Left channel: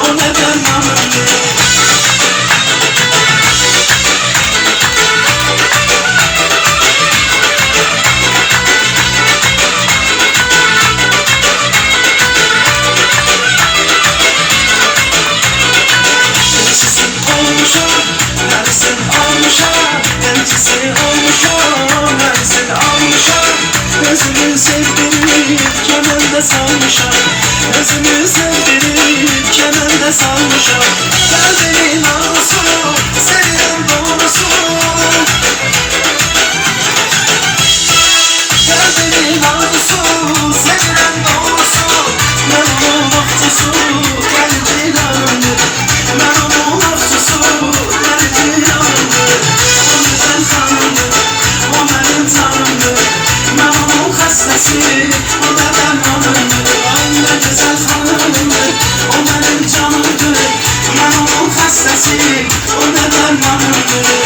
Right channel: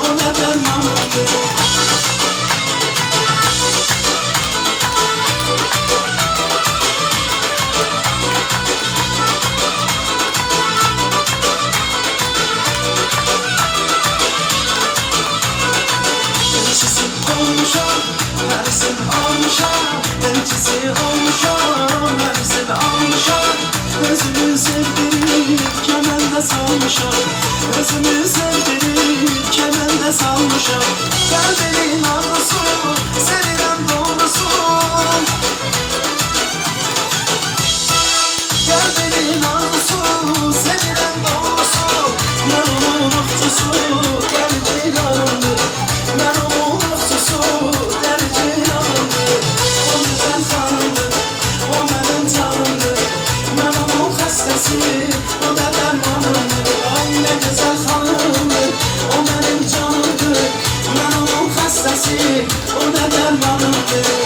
o da dermanımdır. Salmışam, özümü sevdirip kemende salmışam. Kalbimin arzusu, sevilen doğrusu. Kalbimin arzusu, sevilen doğrusu. Ben onun aftusu, tercih yanımdır. Ben onun aftusu, tercih yanımdır. O güzel tanımdır, o benim tanımdır. Ben onun hastası, o da dermanım. O benim canımdır, ben onun hastası, o da dermanımdır.